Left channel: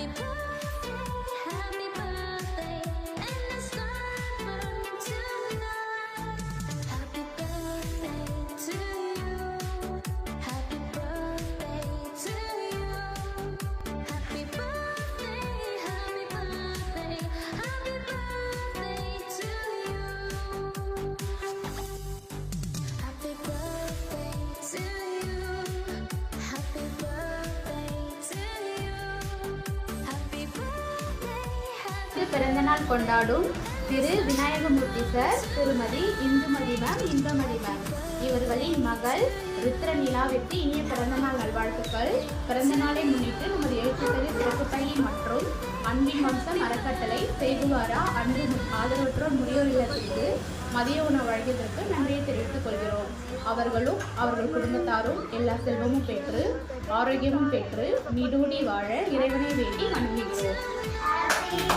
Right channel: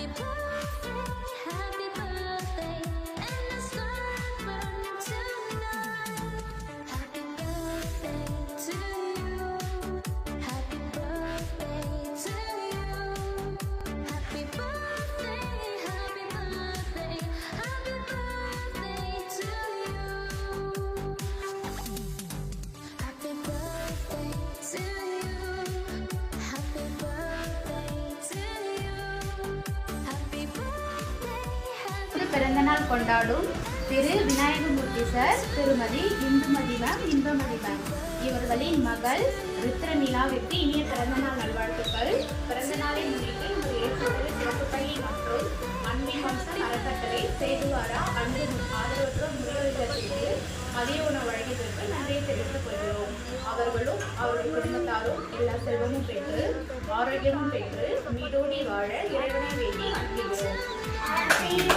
keep கொண்டாடும் திரு Vinayagamoorthy sir திருமதி Indumathi ma'am Indumathi ma'am இவர்களின் மகள் ருத்ரமீனாவிற்கு இனிய பிறந்தநாள் நல்வாழ்த்துக்கள் பிறந்த நாளை முன்னிட்டு ஒரு எழுத்துக்கள் சிறப்புப்பள்ளி மற்றும் அன்பின் மற்றும் அறக்கட்டளை செய்திவாரா அன்பின் ஆதரவற்ற முதியோர்களுக்கு மதிய உணவு வழங்கியதற்கு நன்றியை தெரிவித்துக் கொள்கிறோம். அவர்களும் அவர்கள் குடும்பத்தாரும் எல்லா செல்வமும் பெற்று ஆரோக்கியமும் பெற்று நீடூடி வாழ இறைவனை வேண்டி அணுகிறோம் Happy birthday